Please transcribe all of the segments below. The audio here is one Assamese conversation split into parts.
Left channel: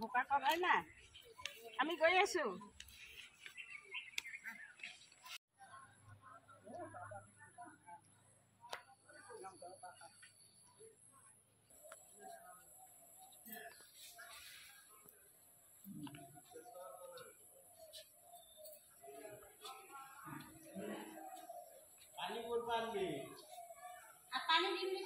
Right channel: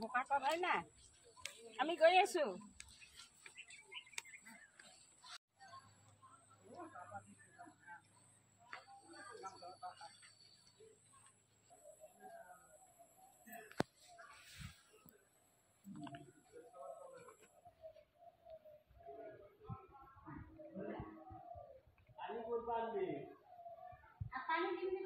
বোকা কৰাই না আমি গৈ আছো পানী দিম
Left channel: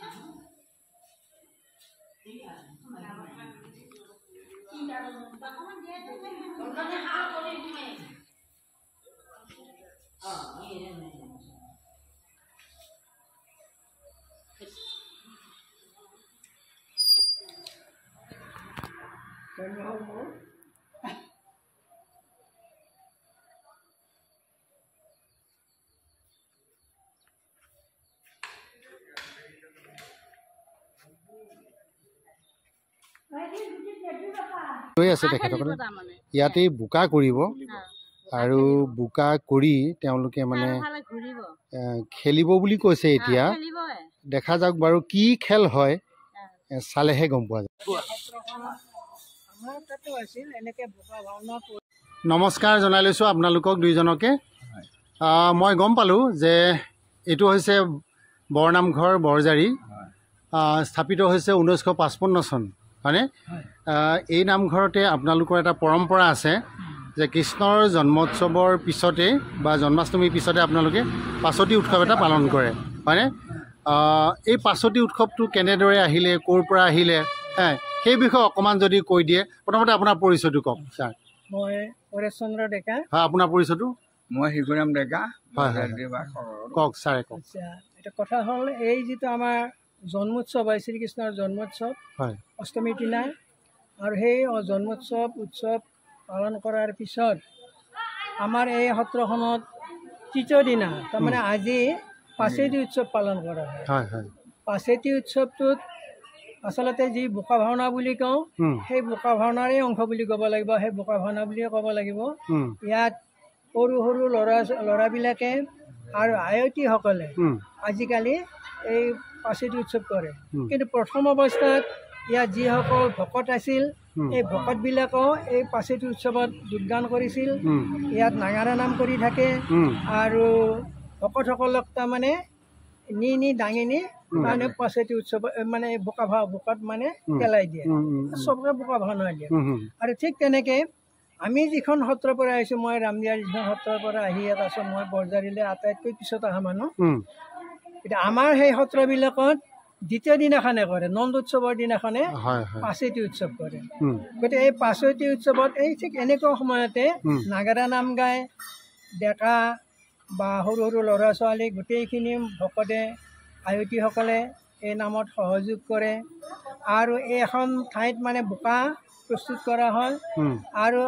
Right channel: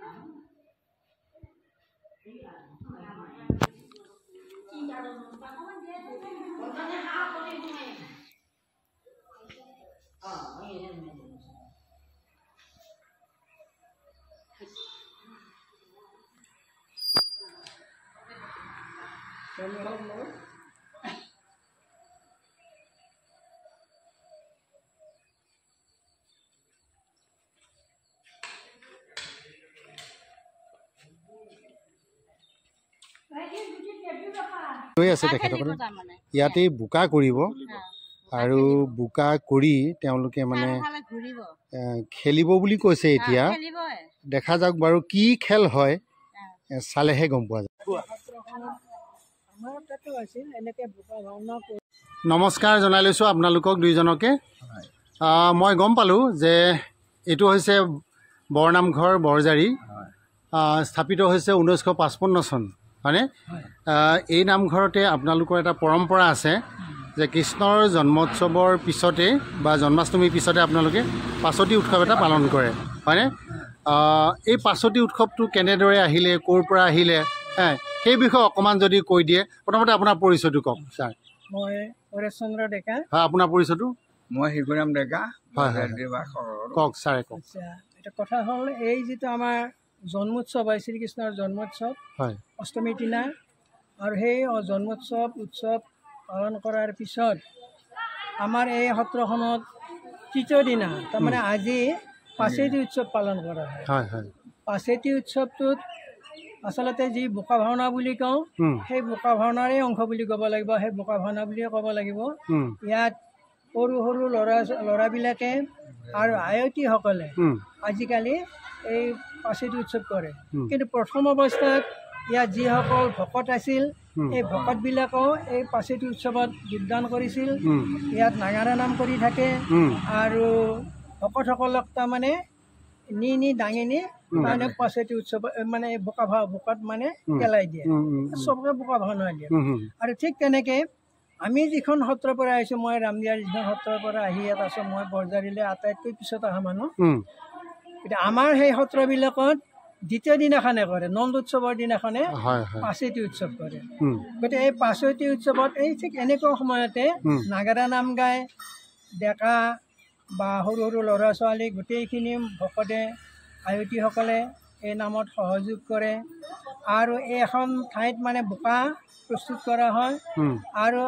আছে তেখেতসকলে ইয়াতে বোকা কৰিব আৰু বোকা কৰি তেওঁলোকে মানে খেলিব বুলি কৈছে এতিয়া দেখা যাওক বাৰু কি খেল হয় চালেহে গম পোৱা যায় নমস্কাৰ জনাই লৈছোঁ আপোনালোকক দুইজনকে মই গম পালোঁ যে এইটো হৈছে বৰনামঘৰ বৰজাৰী স্থাপিত হৈছে 1955 চন হয়নে এই নামঘৰতে আপোনালোকৰ এটা পৰম্পৰা আছে যে কৃষ্ণৰ জন্মোৎসৱৰ পিছতে বা জন্মাষ্টমীৰ পিছতে আপোনালোকে পাছতি উৎসৱ এটা পালন কৰে হয়নে এই পাছতি উৎসৱটো কেনেদৰে আহিলে ক'ৰ পৰা আহিলে সেই বিষয়ে অকণমান যদি কৈ দিয়ে প্ৰথমতে আপোনাৰ পৰিচয়টো কওক ছাৰ মই পৰেশ চন্দ্ৰ ডেকা হয় আপোনাৰ পৰিচয়টো মই শিশুৰাম ডেকা হয় কওক ছাৰে কওক এটা কথা হ'ল এই যিটো আমাৰ জন্মোৎসৱ হয় শ্ৰীকৃষ্ণৰ জন্মোৎসৱ হয় অষ্টমীৰ দিনা আৰু সেই উৎসৱ পালন কৰাৰ পিছত আমাৰ এই সত্ৰখনত তৃতীয় দিনা তাৰমানে আজি পাছেতি উৎসৱ পালন কৰা হয় পাছেতি উৎসৱটোত আচলতে যি বোকা ভাওনা বুলি কওঁ সেই বোকা ভাওনাৰে অংশ বুলি ক'ব লাগিব সেই বোকা ভাওনা বুলিয়ে ক'ব লাগিব ইয়াত সৰু সৰু ল'ৰাবিলাকে আৰু আয়তীসকলে আজিকালি এই পাছেতি উৎসৱ কৰে কিন্তু প্ৰথম অৱস্থাত ইয়াত যিসকল ভকত আছিল এই ভকতবিলাকেও এই পাছেতি উৎসৱত যোগদান কৰিছিল ইয়াত নাগাৰা নাম কৰি থাকে আৰু ভকতসকলক তাৰমানে নি দাঙি নি তাৰমানে পাছেতি উৎসৱ মানে বোকাত মানে পেলাই দিয়ে চবকে বোকা ভাওনা দিয়ে আৰু ঠিক তেনেকৈ আমি যিখন সত্ৰৰ পৰা আহিছোঁ মই ৰামদিয়াৰ যিখন সত্ৰৰ পৰা আহি ইয়াত আছোঁ মই বৰজাৰীলৈ আটাইতকৈ পিছত অহা মানুহ এতিয়া আমাৰ সেই সত্ৰবিলাকত দ্বিতীয় দিনাখনে কৰে নন্দ উৎসৱৰ দিনাখনে পাছেতি উৎসৱ কৰে গতিকে এই পাছেতি উৎসৱত এই ঠিক এনেকুৱা সময়তে নাগাৰা নাম গায় ডেকা বা সৰু সৰু ল'ৰা ছোৱালী গোটেইখিনি ভকতে আয়তীসকলে এই নামত সহযোগ কৰে আৰু এই এখন ঠাইত মানে বোকা প্ৰস্তুত কৰা হয় আৰু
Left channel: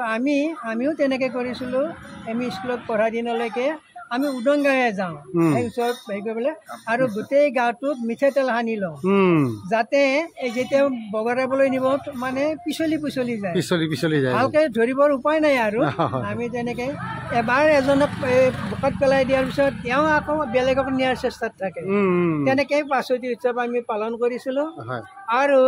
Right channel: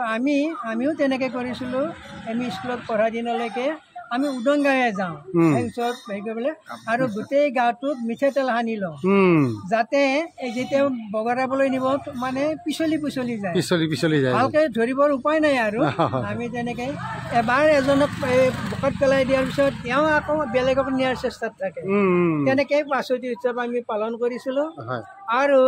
আমিও তেনেকৈ কৰিছিলোঁ আমি স্কুলত পঢ়া দিনলৈকে আমি উদংগায়ে যাওঁ সেই ওচৰত হেৰি কৰিবলৈ আৰু গোটেই গাটোত মিঠাতেল সানি লওঁ যাতে যেতিয়া বগৰাবলৈ নিব মানে পিছলি যায় ভালকৈ ধৰিবৰ উপায় নাই আৰু আমি তেনেকৈ এবাৰ এজনক বোকাত পেলাই দিয়াৰ পিছত তেওঁ আকৌ বেলেগক নিয়াৰ চেষ্টাত থাকে তেনেকৈ পাছতি উৎসৱ আমি পালন কৰিছিলোঁ আৰু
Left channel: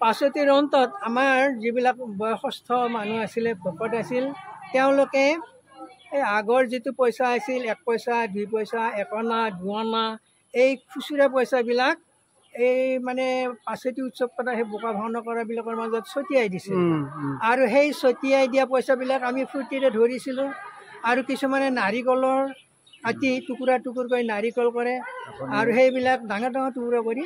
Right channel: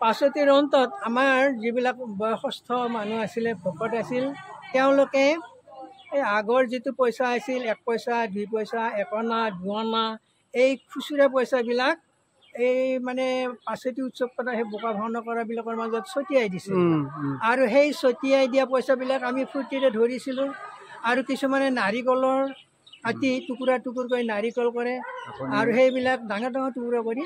পাছতিৰ অন্তত আমাৰ যিবিলাক বয়সস্থ মানুহ আছিলে ভকত আছিল তেওঁলোকে এই আগৰ যিটো পইচা আছিল 1 পইচা 2 পইচা 1 অনা 2 অনা এই খুচুৰা পইচাবিলাক এই মানে পাছেতি উৎসৱ কৰা সেই বোকা ভাওনা কৰাবিলাকৰ মাজত ছটিয়াই দিছিল আৰু সেই ছটিয়াই দিয়া পইচাবিলাক আমি ফূৰ্তিৰে ধৰিছিলোঁ আৰু কিছুমানে নাৰিকলৰ কাটি টুকুৰা কৰি নাৰিকল কৰে আৰু সেইবিলাক ডাঙৰ টুকুৰা কৰি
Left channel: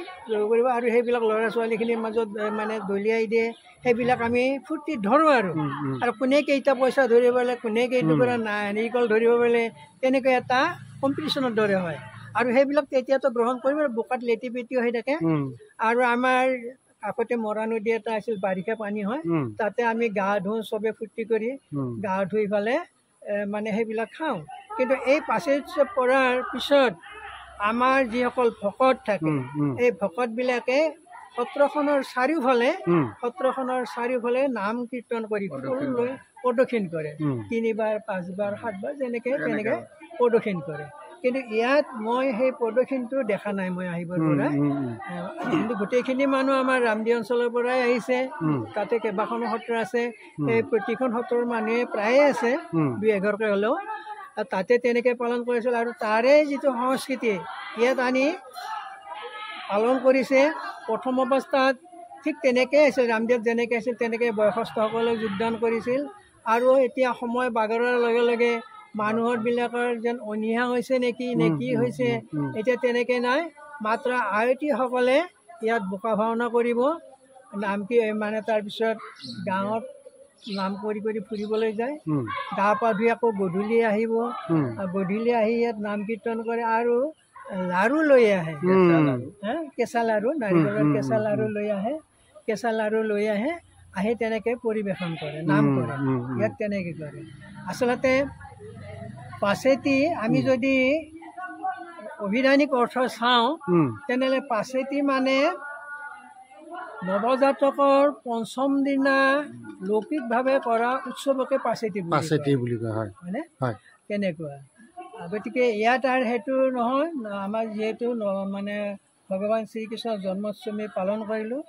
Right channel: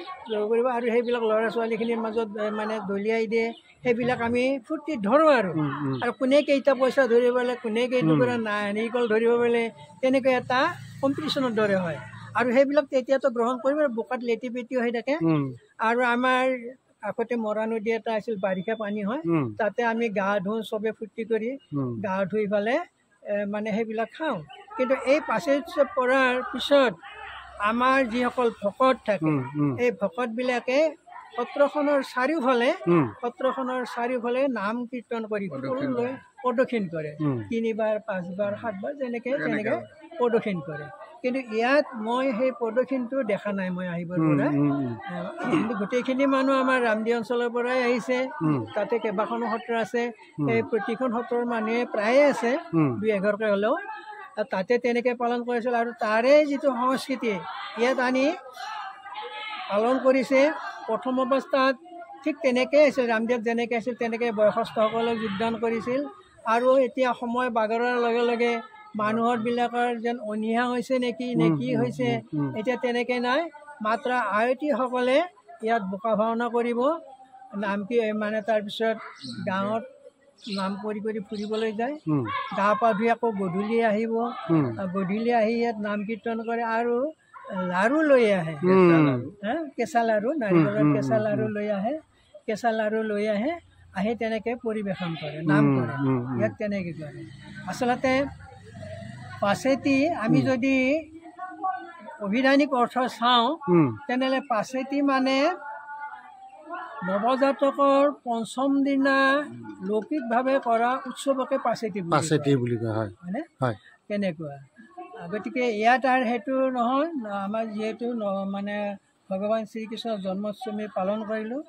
কৰিব আৰু সেইবিলাক ল'ৰা ছোৱালীখিনিৰ মাজত মানে দলিয়াই দিয়ে সেইবিলাক আমি ফূৰ্তিত ধৰোঁ আৰু কোনে কেইটা পইচা ধৰিব পাৰে কোনে কেইটুকুৰা নাৰিকল ধৰিব পাৰে তেনেকৈ এটা কম্পিটিশ্যনৰ দৰে হয় আৰু সেইবিলাক তেতিয়াতো গ্ৰহণ কৰিব বোকাত লেটি পেটি হৈ থাকে আৰু আমাৰ আগতে মৰা নদী এটা আছিল বাৰিষা পানী হয় তাতে আমি গা ধুওঁ চবে ফূৰ্তি কৰি গা ধুই পেলে মানে সেইবিলাক খাওঁ কিন্তু এই পাছেতি উৎসৱ কৰাৰ পিছত আমাৰ যিসকল ভকত থাকে এই ভকতবিলাকে সত্ৰখনৰ চাৰিওফালে নাম কীৰ্তন কৰি লৈ প্ৰদক্ষিণ কৰে 3বাৰ 5বাৰ 7বাৰ যেনেকৈ প্ৰদক্ষিণ কৰে। কিন্তু ইয়াত মই সেই প্ৰদক্ষিণটো দেখা নাই। মই আহিবৰ পৰা কিন্তু গোটেইখিনি মানুহ আমাৰ ৰামদিয়া অঞ্চলৰ পৰাই আহিছে। তাতে কেইবাখনো সত্ৰ আছে। সেই প্ৰতিখন সত্ৰৰ মানুহে প্ৰায়ে আছে 2-1ঘৰকৈ হ'লেও তাতে তেনেকৈ পালন কৰিছিল। আৰু তাৰে যিটো সংস্কৃতি ইয়াত আনি পালন কৰিছে। প্ৰথম অৱস্থাত ঠিক তেনেকৈ আছিল, ৰামদেৱ যেনেকৈ আছিল তেনেকৈ বয়সস্থসকলে যোগদান কৰিছিল। আৰু এতিয়া সময় বাগৰাৰ লগে লগে মানুহৰবিলাকৰ যেন অনীহা হৈছে নে কি হৈছে এতিয়া তেনেকৈ নাই। মাত্ৰ আয়তীসকলে ইয়াত বোকা ভাওনা কৰিব, নাম মানে তাৰপিছত গাঁৱত নাম কৰি ফুৰিবলৈ যায়। গা পা ধুই আকৌ গধূলি আহিব, গধূলি আহি ইয়াত নাম কীৰ্তন কৰে আৰু লাৰু লৈ আহে, কেঁচা লাৰু, নাৰিকলৰ কেঁচা লাৰু লৈ আহে, আহি তেনেকৈ পৰিৱেশন কৰে, নাম কৰে। ইয়াত তেনেকৈ কৰে। আচলতে পাছেতি আমি যদি অভিধানিক অৰ্থ চাওঁ তেনেহ'লে পাছেতি মানে নৱজাতকৰ পঞ্চম দিনা লৌকিকভাৱে কৰা উৎসৱকে পাছেতি বুলি কোৱা হয়, হয়নে? তেনেকুৱা। গতিকে ইয়াত আৰু সেইটো নহয়। আমাৰ যিহেতু মানে ভগৱান শ্ৰীকৃষ্ণৰ জন্মাষ্টমী পালন কৰিলোঁ,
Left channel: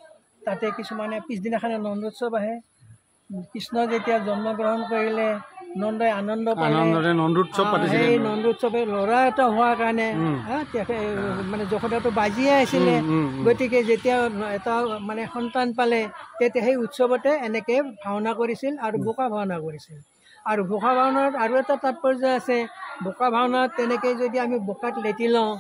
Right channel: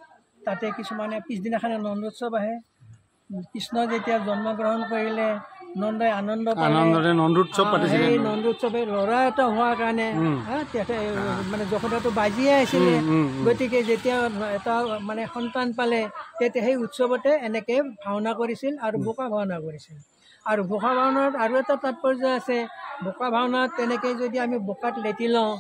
তাতে কিছুমানে পিছদিনাখনে নন্দোৎসৱ আহে। কৃষ্ণ যেতিয়া জন্মগ্ৰহণ কৰিলে নন্দই আনন্দ সেই নন্দোৎসৱে ল'ৰা এটা হোৱাৰ কাৰণে মানে যশোদাটো বাজিয়ে আছিলে। গতিকে যেতিয়া এটা মানে সন্তান পালে তেতিয়া সেই উৎসৱতে এনেকৈ ভাওনা কৰিছিল আৰু বোকা ভাওনা কৰিছিল। আৰু বোকা ভাওনাত আৰু এটা তাৎপৰ্য আছে। বোকা ভাওনাত তেনেকৈ যদি আমি বোকাত লেটি লওঁ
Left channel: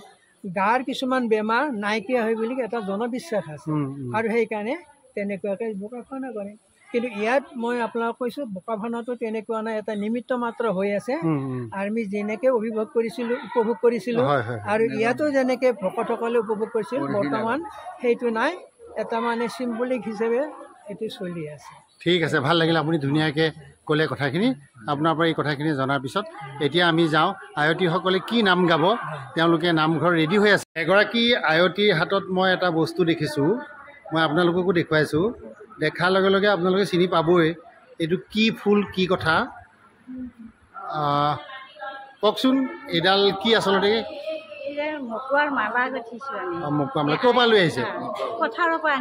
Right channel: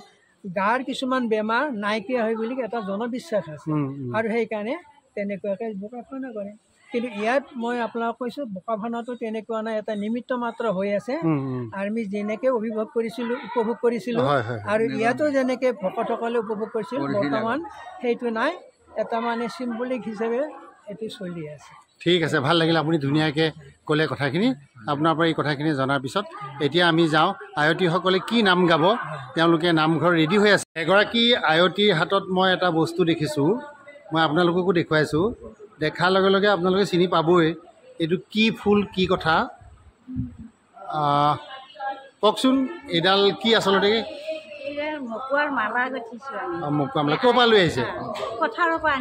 গাৰ কিছুমান বেমাৰ নাইকিয়া হয় বুলি এটা জনবিশ্বাস আছে। আৰু সেইকাৰণে তেনেকুৱাকৈ বোকা ভাওনা কৰে। কিন্তু ইয়াত মই আপোনাক কৈছোঁ বোকা ভাওনাটো তেনেকুৱা নাই, এটা নিমিত্ত মাত্ৰ হৈ আছে। আমি যেনেকৈ উপভোগ কৰিছিলোঁ আৰু ইয়াতো যেনেকৈ ভকতসকলে উপভোগ কৰিছিল, বৰ্তমান সেইটো নাই। এটা মানে চিম্বলিক হিচাপে এইটো চলি আছে। ঠিক আছে, ভাল লাগিল। আপুনি ধুনীয়াকৈ ক'লে কথাখিনি। আপোনাৰ পৰা এই কথাখিনি জনাৰ পিছত এতিয়া আমি যাওঁ। আয়তীসকলে কি নাম গাব, তেওঁলোকে নামঘৰ ৰেডি হৈ আছে। এগৰাকী আয়তীৰ হাতত মই এটা বস্তু দেখিছোঁ, মই আপোনালোককো দেখুৱাইছোঁ। দেখাৰ লগে লগে আপোনালোকে চিনি পাবই এইটো কি ফুল, কি কথা। কওকচোন এইডাল কি আচলতে? মকুৱাৰ মালা গঠিছোঁ আমি। মকুৱাৰ মালা ক'ৰ পৰা লৈ আহিছে? পথাৰৰ পৰা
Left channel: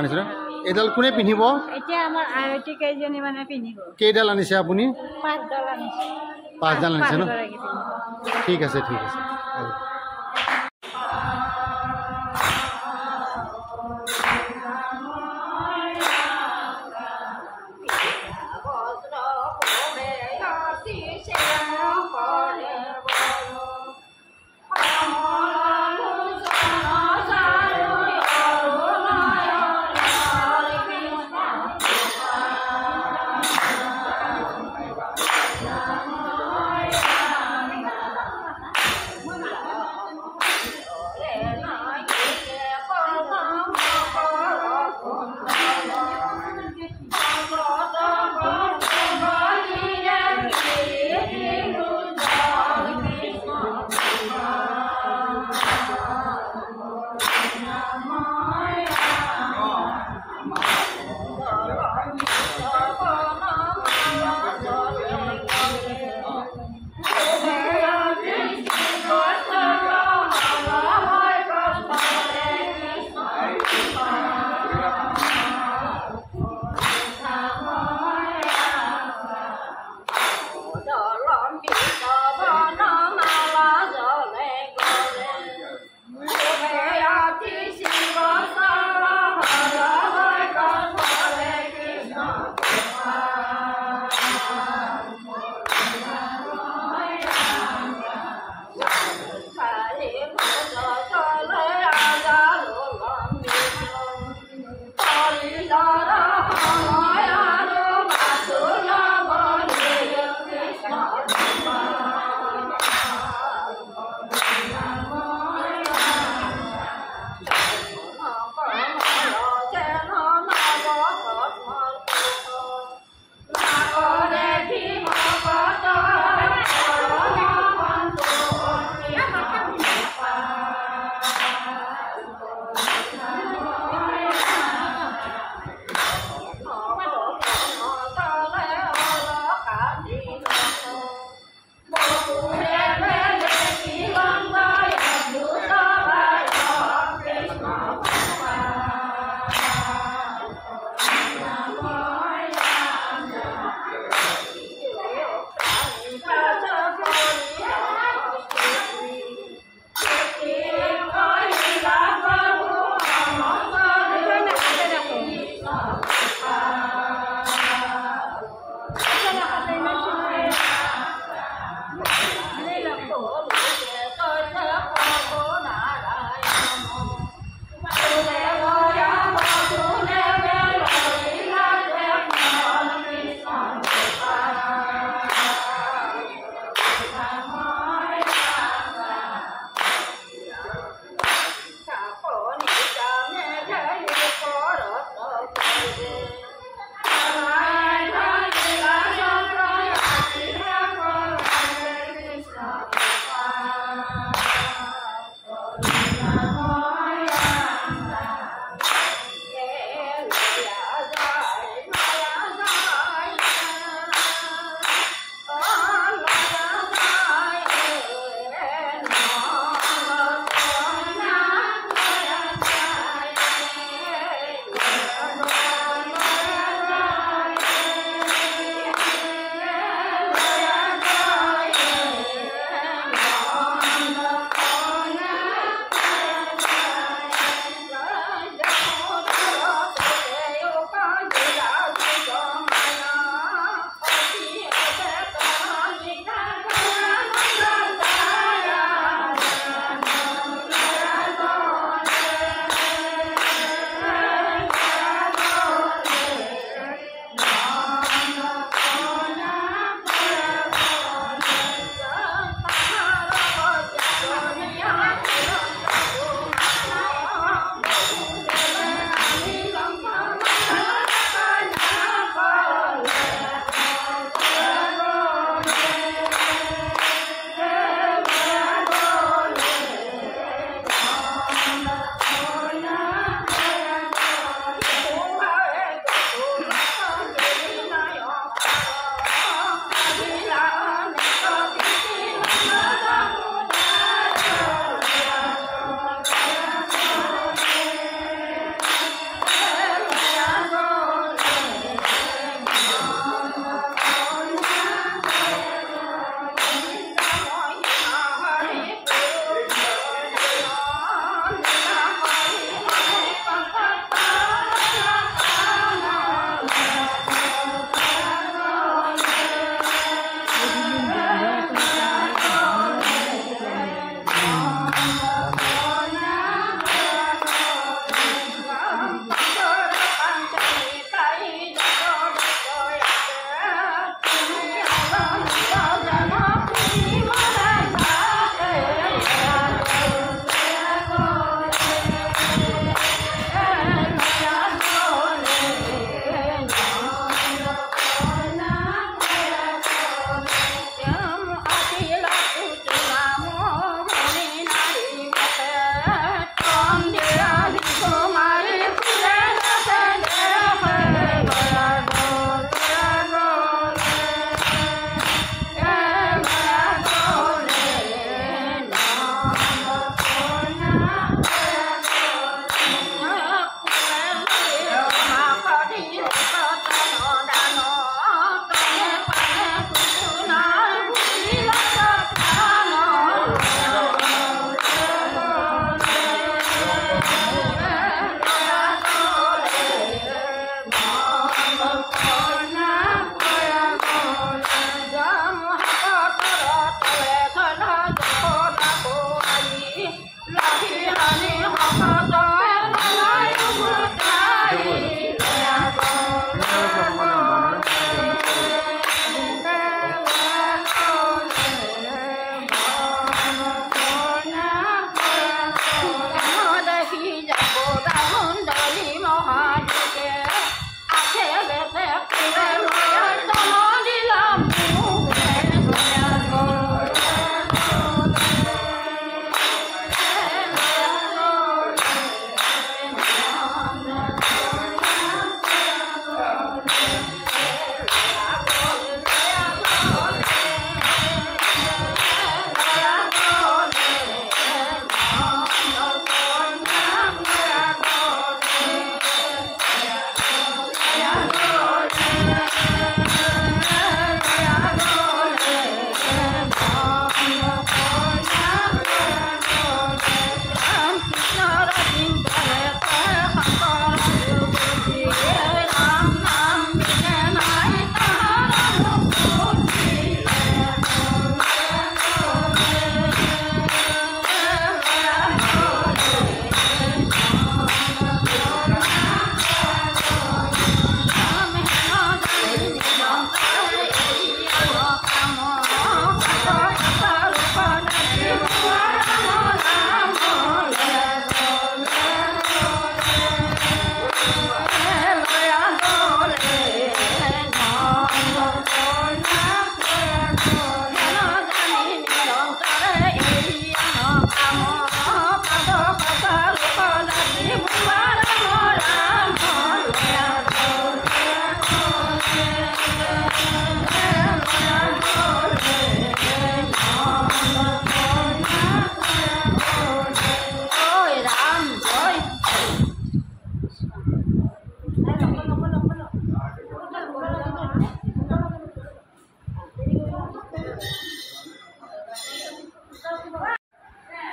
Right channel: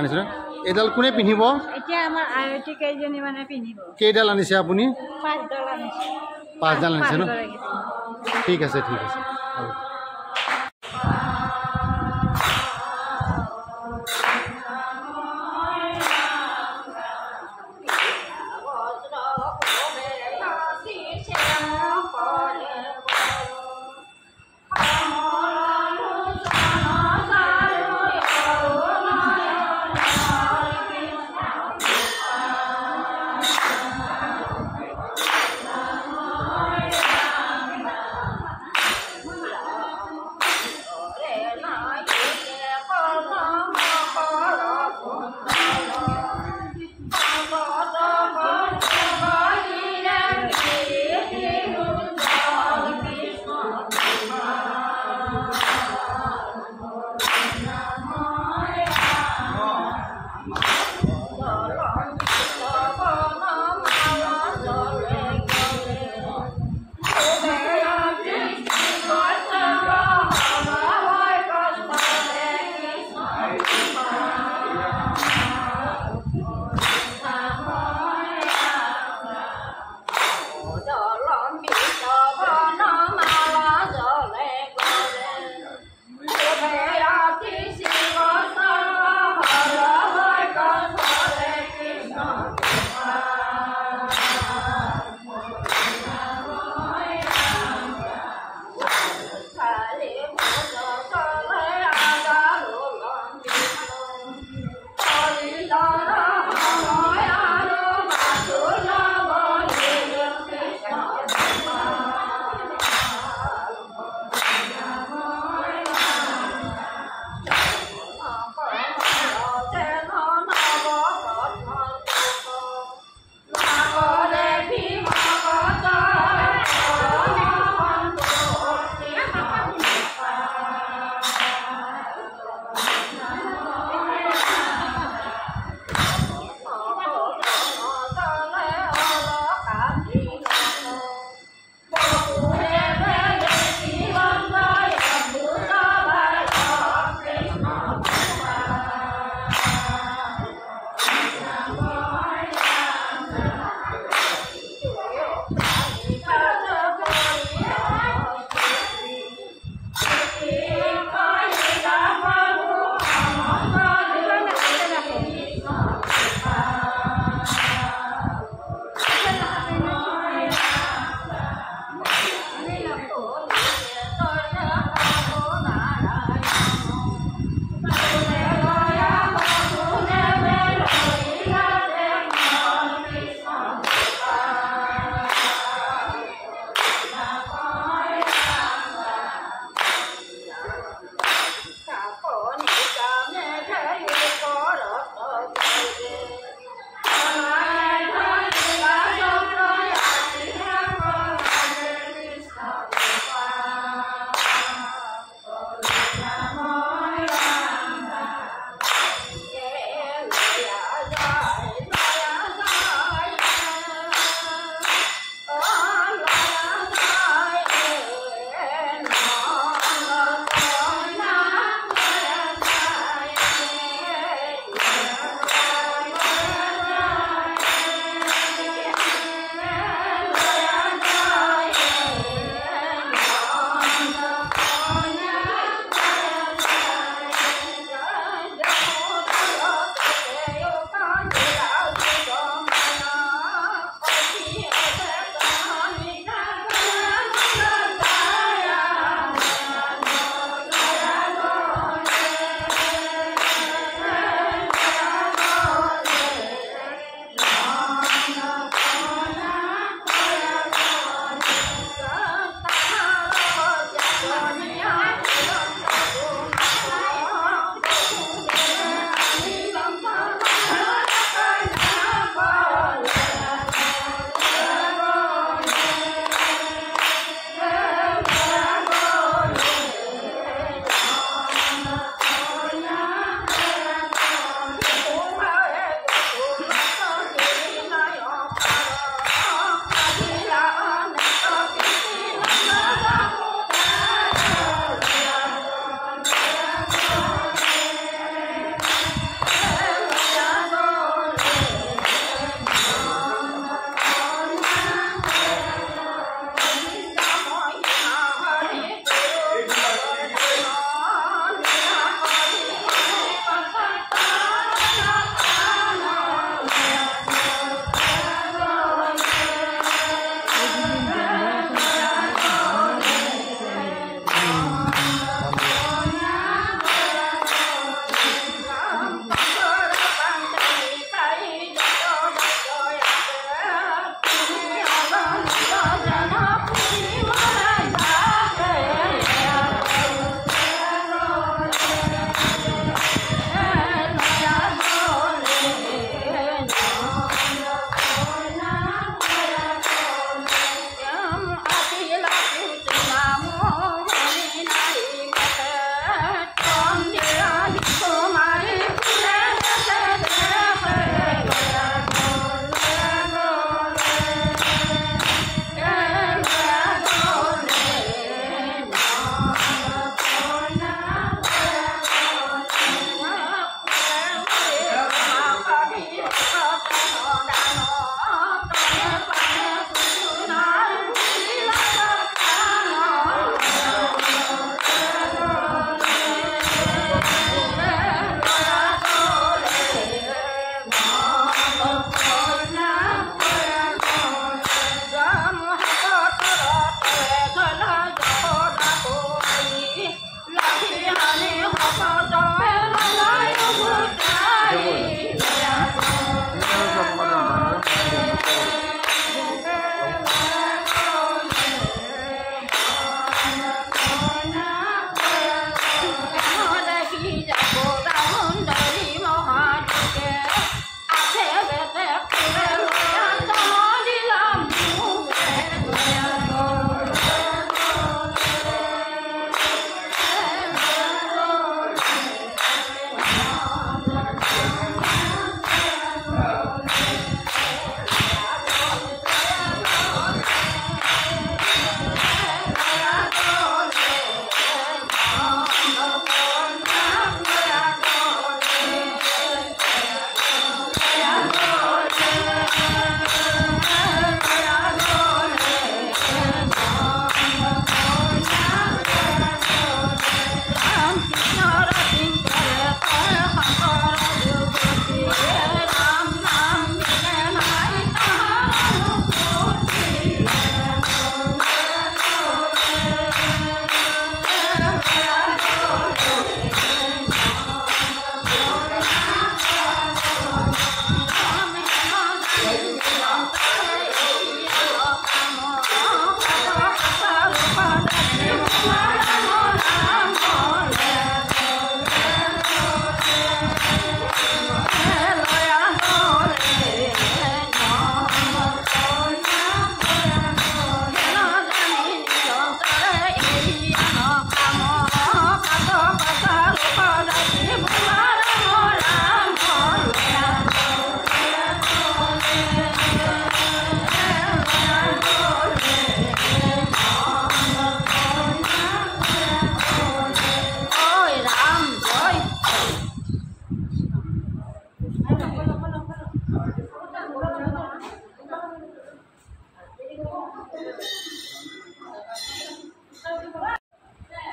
আনিছে। এইডাল কোনে পিন্ধিব? এতিয়া আমাৰ আয়তী কেইজনী মানে পিন্ধিব। কেইডাল আনিছে আপুনি? 5ডাল আনিছে। 5ডাল আনিছে ন? ঠিক আছে।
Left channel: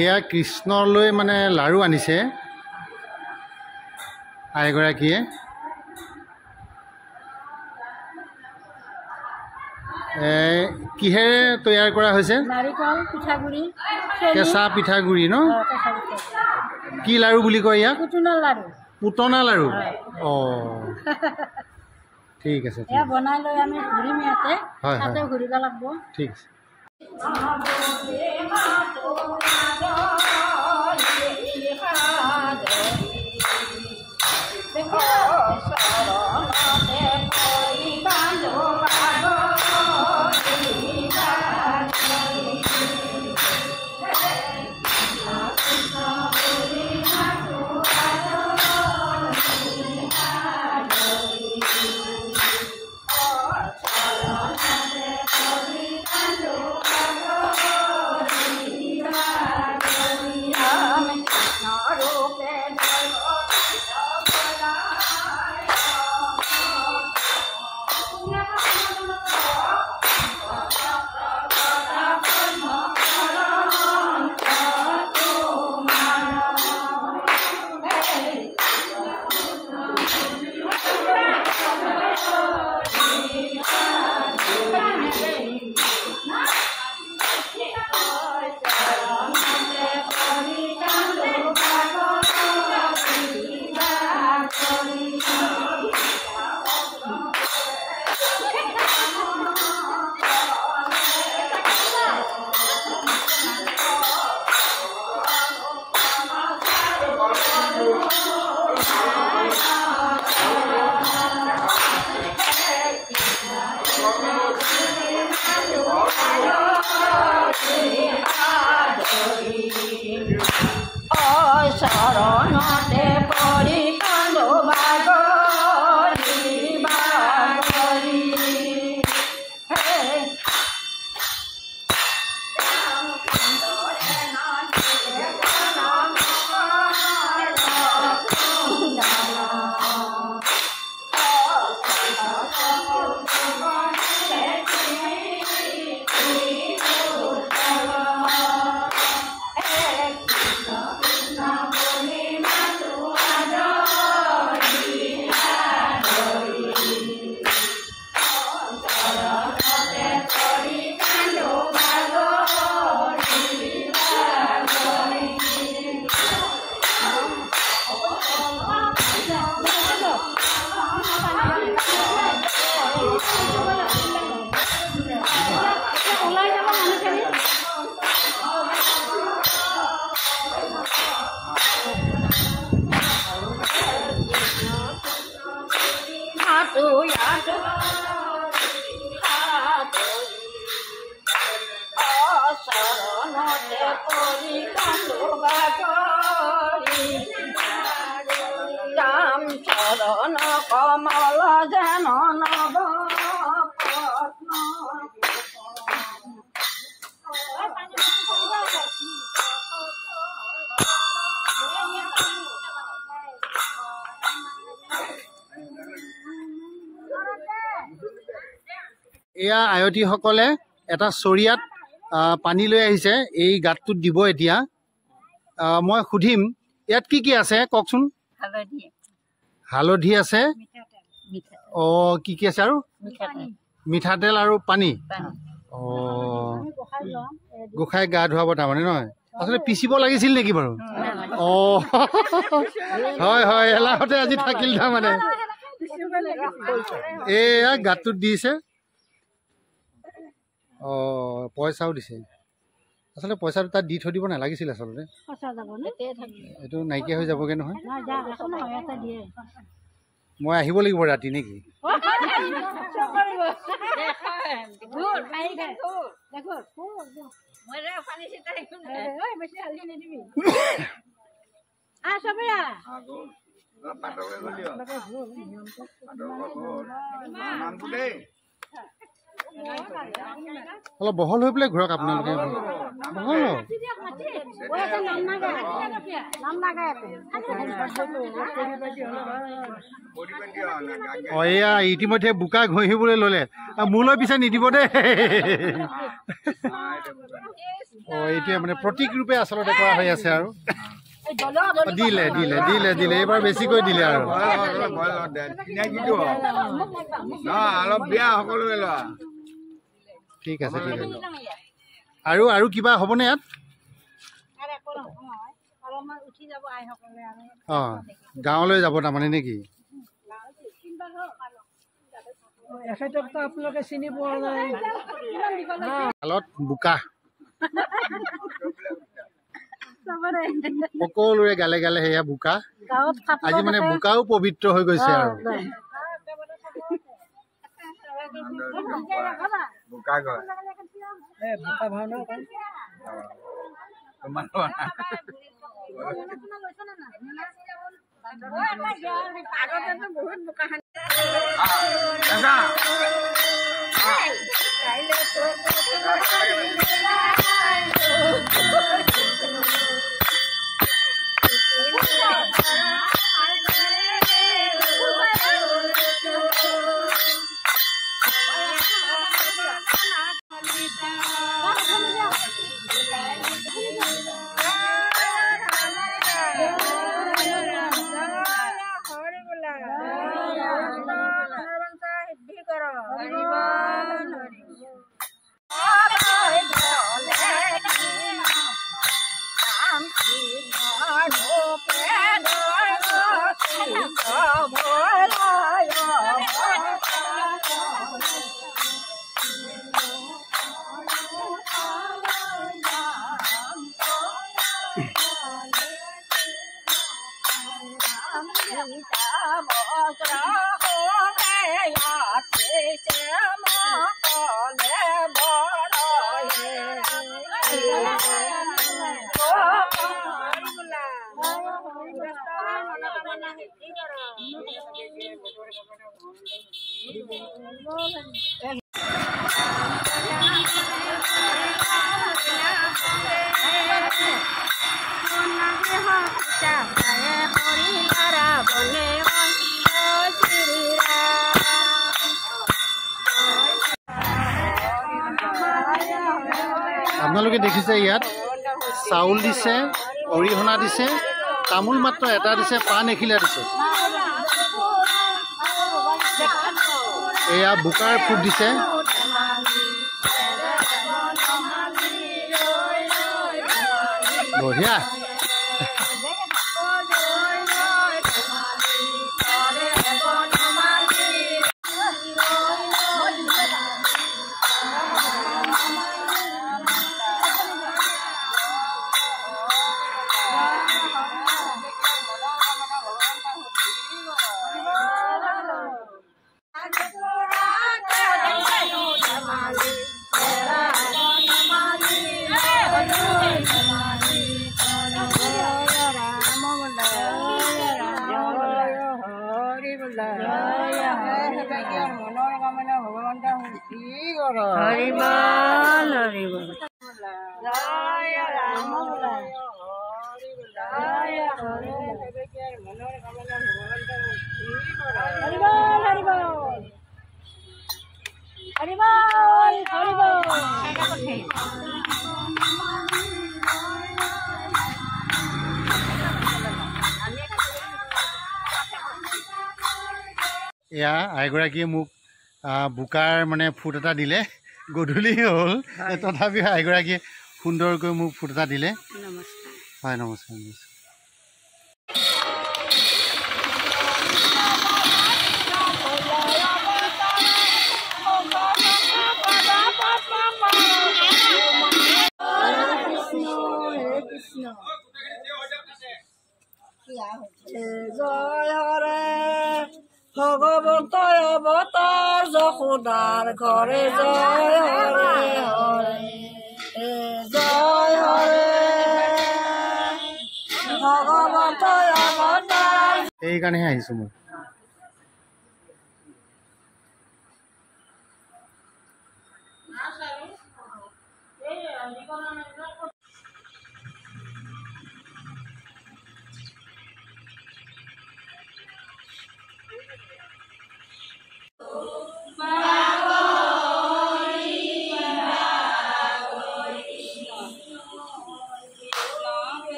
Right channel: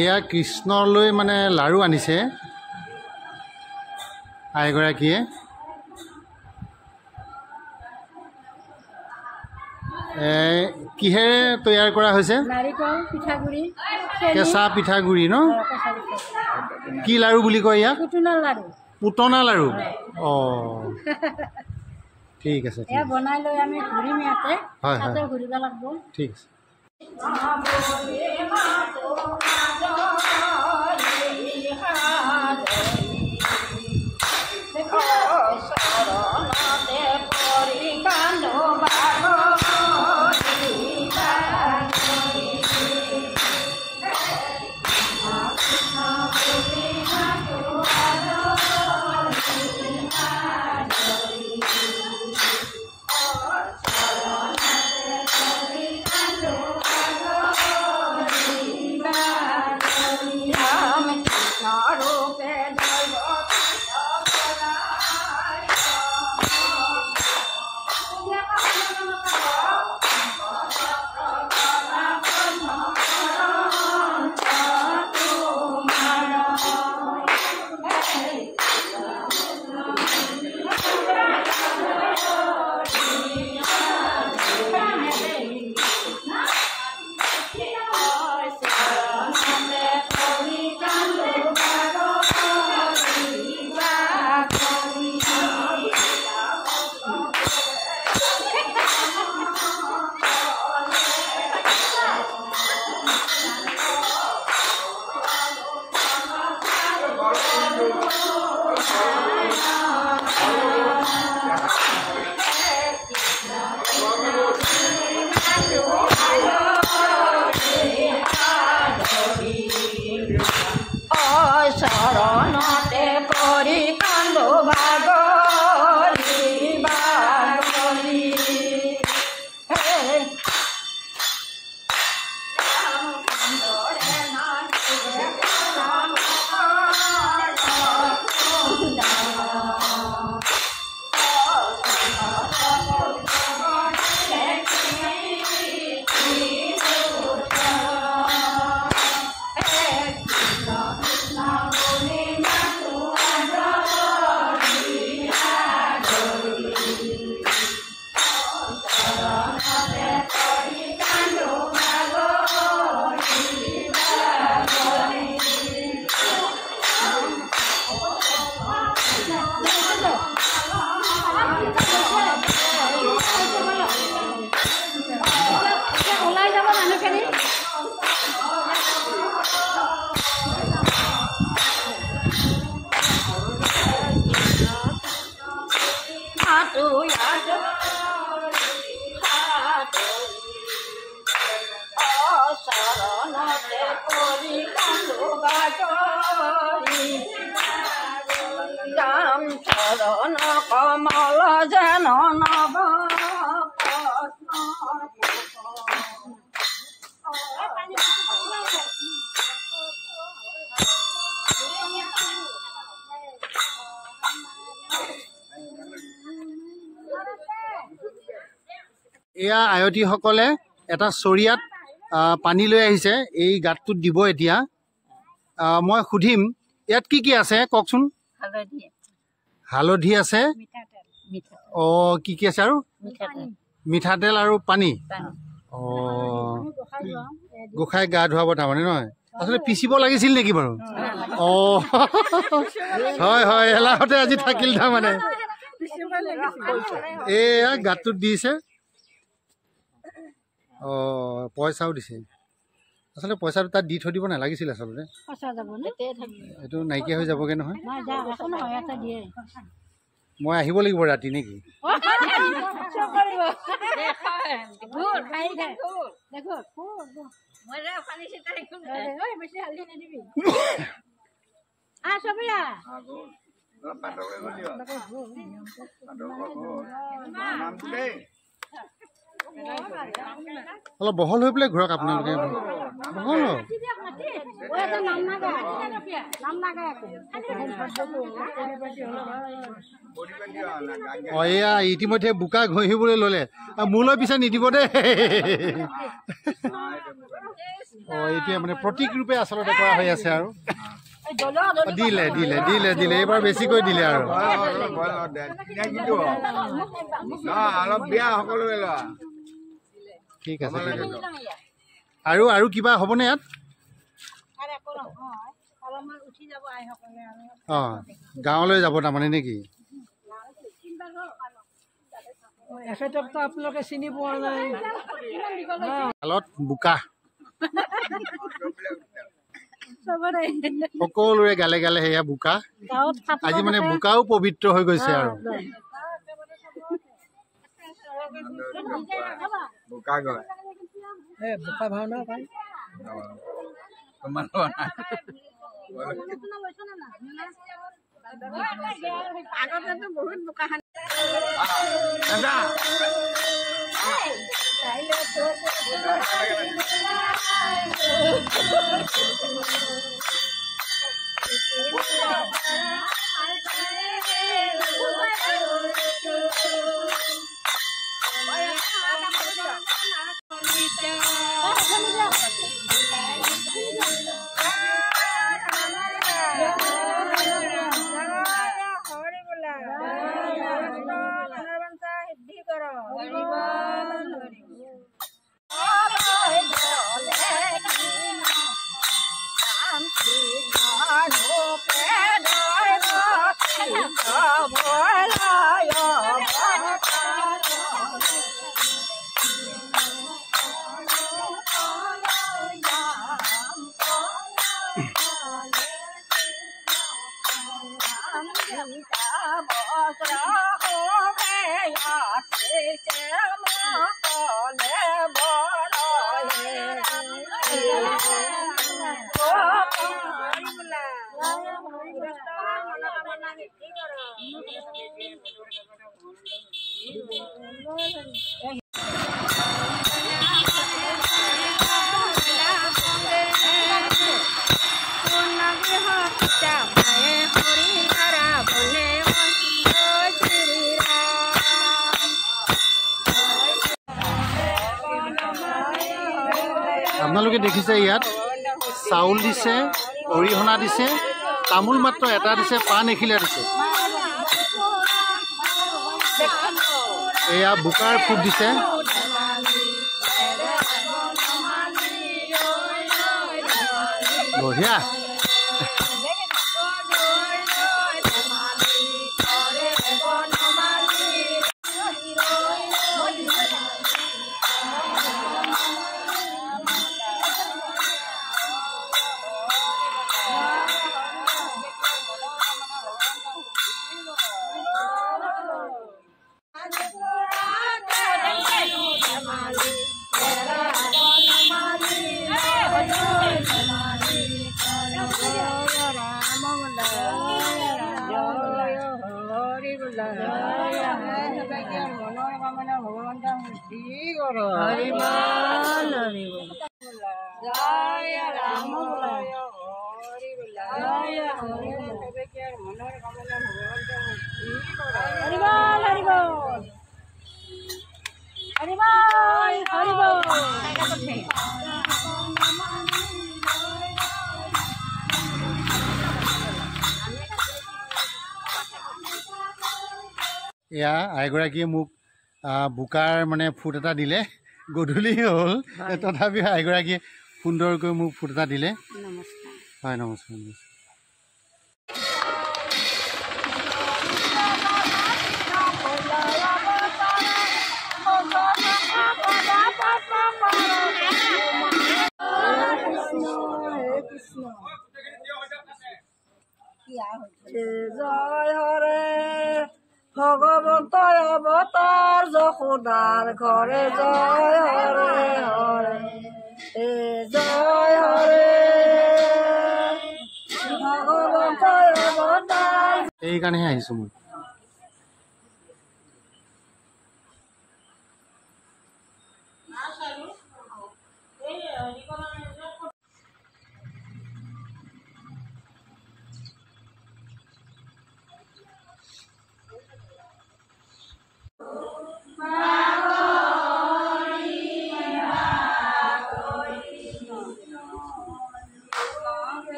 এয়া কৃষ্ণলৈ মানে লাড়ু আনিছে আইগৰাকীয়ে। কিহেৰে তৈয়াৰ কৰা হৈছে? নাৰিকল পিঠাগুড়ি, কেঁচা পিঠাগুড়ি ন? কি লাড়ু বুলি কয় ইয়াক? পুটুনা লাড়ু। পুটনা লাড়ু। অঁ ঠিক আছে, এয়া বনাই লৈ আমি ঘূৰিম ইয়াতে। হয় তাতে ঘূৰিব লাগিব। ঠিক আছে। শৰণতে পৰি কান্দো বাগৰি বাগৰি শৰণতে পৰি কান্দো বাগৰি ৰাম চৰণ কমল যেন নব এয়া আয়তীসকলে এটা চৰিয়াত পানী লৈ আহিছে, এই গাঁতটোত দিব এতিয়া। মই সুধিম ইয়াত কি কি আছে কওকচোন। হালধি আছে, অঁ কি কি আছে আৰু? মিঠাতেল আৰু পানী। অঁ গোসাঁই গা ধুৱাব তাৰমানে নহয়, আচলতে পিচিব লাগিছিল নেকি বাৰু? অঁ হয় হয়, এলাহতে আজি থাকিল তাৰমানে। এয়া গাঁতটোত দিছে। অঁ পইচাও দিছে, আচলতে পইচাটো তাত দি থৈ দিব নালাগিছিল আচলতে, এইটো নাইকিয়া হৈ যাবগৈ নহয়। মই আহিব লাগিব ৰাতি নেকি? অলপ বহল হৈ পেলাই ঘূৰক আপোনালোকে, বহল। অঁ এয়া ইতিমধ্যে বোকা ঘঁহিবলৈ ল'লে, মোলৈ পিছে নিদিব দেই। এইটোৱে মানে প্ৰতীক ৰূপে আচলতে কৰা হৈ আছে আৰু দিলে দিলে দিলে দিলে এইবাৰ বেছিকৈ দিলে আৰু ঠিক আছে ঠিক আছে আৰু আৰু কিবা হ'বনে ইয়াত অঁ গাঁৱলৈ যাব তাৰমানে নেকি এখেতকতো আপোনালোকে চিনি পোৱা নাই শালত বোকা সকলোৰে গালে গালে সেয়া বোকা আজি মানে বোকাও পবিত্ৰ হৈ গৈছে আৰু বোকা ভাওনা আপোনালোকে দেখিছে ইয়াত চাউল দিছে অৰিহণা দিছে তামোল মাত্ৰ এটা দিছে পাণ এখিলা দিছে এয়া বোকাৰ ফুট দিছে বঢ়িয়া এয়া আইগৰাকীয়ে মোক বোকাৰ মানে ফুট এটা দিলে গধূলি হ'ল তথাপিও আইগৰাকীয়ে সুন্দৰকৈ মোক ফুট এটা দিলে হয় নমস্কাৰ নমস্কাৰ জয় হৰে ভগৱন্ত অৱতাৰ যশোদাৰ ঘৰে জয় হৰে হৰে জয় হৰে ভগৱন্ত অৱতাৰ এইকাৰণেহে আহিছোঁ মই